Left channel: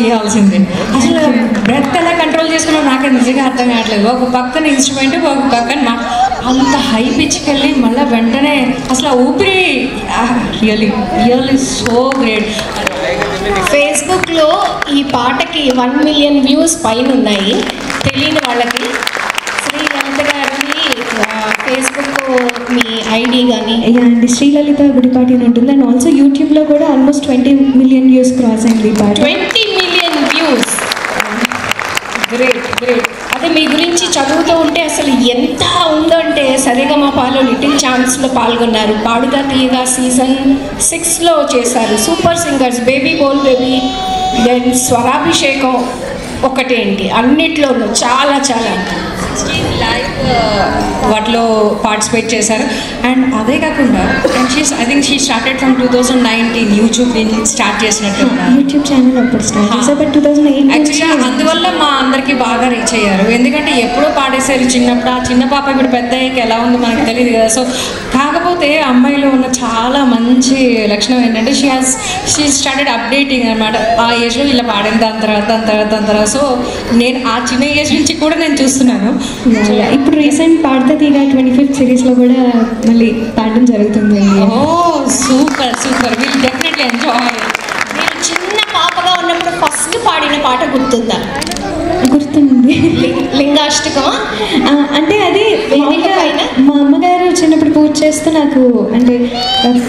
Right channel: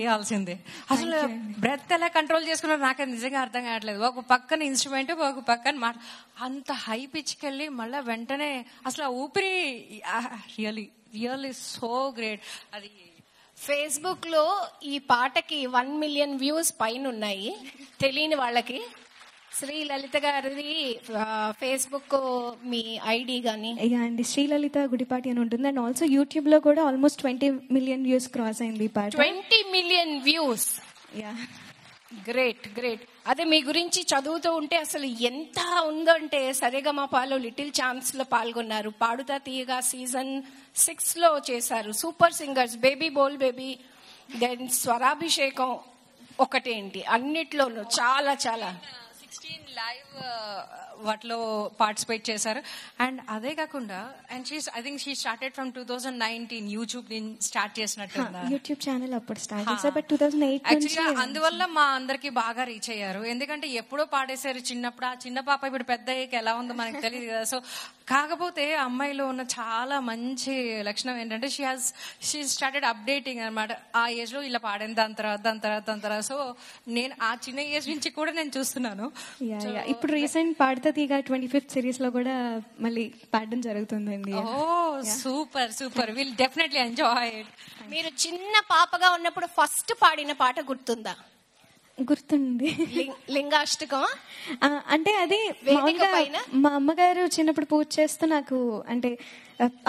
చేయాల్సిందే. అసలు బ్రెత్ ఎలా కంట్రోల్ చేసుకున్నా నాకు నిజంగా అర్థం కావట్లేదు. ఒక పక్కన ఇన్స్ట్రుమెంట్, ఒక పక్కన అంత హై పిచ్కి వెళ్ళి మళ్ళీ వెంటనే అసలు ఊపిరి రియల్లీ సో గ్రేట్. ఫేస్బుక్లో ఈ పాటకి 1 million వ్యూస్ పైన ఉన్నాయి. తెలియని వాళ్ళకి శ్రీలలిత గారిని ఫేస్బుక్ మీ ఐడి కానీ అండ్ శ్రీలలిత గుడిపాటి అని ఉంటుంది. అండ్ ఆల్సో యూట్యూబ్లో కూడా ఆల్మోస్ట్ 20 million వ్యూస్ క్రాస్ అయింది ఈ పాట. 20 million వ్యూస్. Great great. అదే మీ గురించి చదువుతూ ఉంటే అసలు ఎంత ఉందంటే సరిగమపాలో లిటిల్ ఛాన్స్లో పాల్గొన్నారు. పాడుగా తీయగా సీజన్ 6లో చేశారు. సూపర్ సింగర్స్, బేబీ బోల్ బేబీ, దెన్ స్వరాభిషేకం ఒకటేంటి అన్నిట్లోనూ చాలా చాలా లైవ్ వాటిలో పార్టిసిపేట్ చేశారు. అండ్ అదే కాకుండా I think she started from 2019 YouTube start చేసినట్టు యూట్యూబ్ ఛానల్ అప్పుడు స్టార్ట్ చేశారు. బట్ 2008 యాక్చువల్గా అందువల్ల మా అందరికీ బాగా రీచ్ అయ్యారు. ఎందుకంటే ఎప్పుడో పాడేశారు చిన్నప్పుడు. ఆ చిన్న పాప ఇప్పుడు పెద్ద అయ్యాక ఎలా ఉందో మనకు తెలియదు కదా. సో కాకపోతే అమ్మాయిలో ఉన్న చాలా మంచి లక్షణం ఏంటంటే షీ స్టార్టెడ్ అప్డేటింగ్ అనమాట. ఆ ఏజ్లో ఇలా పాడిన దాని తర్వాత సో నేను ఆ చిన్న ఏజ్ నుంచి కూడా నేను చూస్తున్నాను. ఇప్పుడు రీసెంట్ పాడతా తీరా 25th సిరీస్లో కూడా మళ్ళీ పాడడం జరుగుతుంది. Oh super super, will definitely enjoy. మీరు చిన్న పాపగా ఉన్నప్పుడు ఫస్ట్ పాడిన పాట గుర్తుందా? గుర్తుంది. లింగాష్టకం. అంటే అది మా అమ్మగారు చిన్నప్పుడు పూజ చేస్తూ నాకు అంటే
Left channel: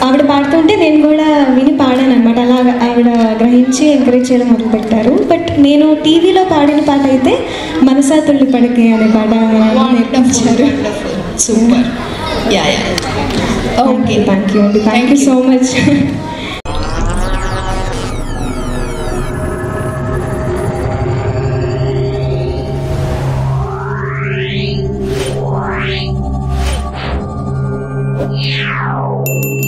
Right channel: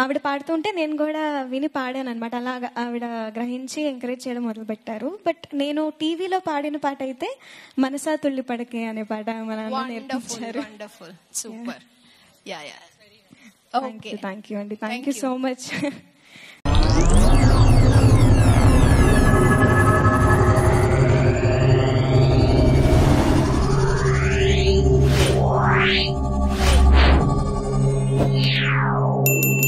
ఆవిడ పాడుతుంటే నేను కూడా విని పాడాను అనమాట. అలా ఆవిడ గ్రహించి ఎంకరేజ్ చేయడం మొదలుపెట్టారు. బట్ నేను టీవీలో పాడిన పాట అయితే మనసా తుల్లి పడకే అనే పాట నేర్పించారు. Super. Yeah yeah. Okay, thank you అండి. Thank you so much. Yeah.